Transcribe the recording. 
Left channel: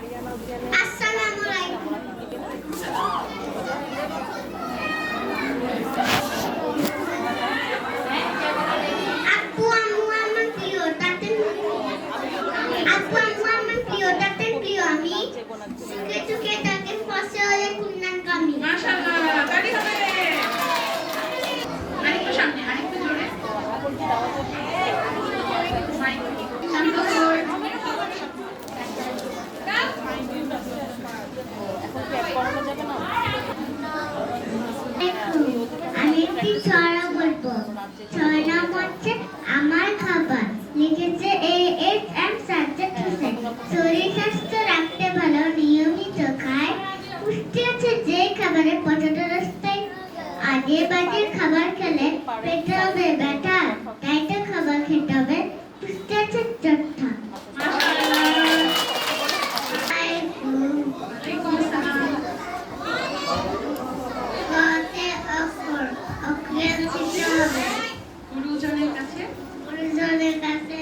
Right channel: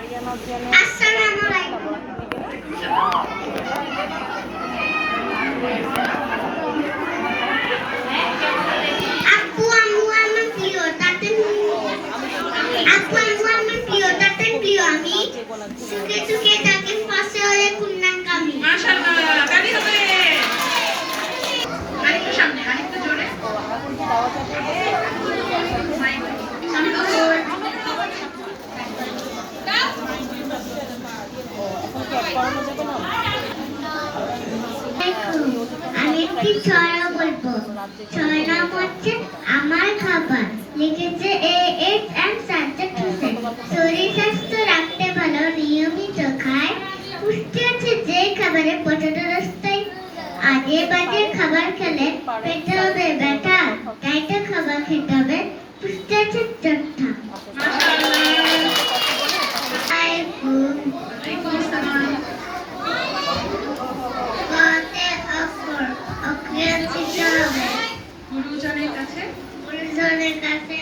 আসসালামু আলাইকুম। আপু আম্মু আমি প্রিয় তাতে আপু আম্মু আমি প্রিয় তাতে প্রিয় আমি সুখে সুখে তাকে ফাঁসে হয়ে কুন্নান কামি। মাশাআল্লাহ, কালি হবে। আরেকটু সামনে, আরেকটু জোরে। আমি একটি ছড়া বলবো। ছড়ার নাম হচ্ছে আমার খাবার। লিখেছে A.S.M. সাজ্জাদ হোসেন। শরীর স্বাস্থ্য রাখতে ভালো নিয়মিত খায়, পুষ্টি আছে যে খাবারে পটাটো রাস্তায়। আজে বাজে খাবার খেলে পেটে হবে ব্যথা, তাই তো খাবার খেতে হবে পুষ্টি আছে চট্টা। গুরুজনের কাছে গুরুজনের কাছে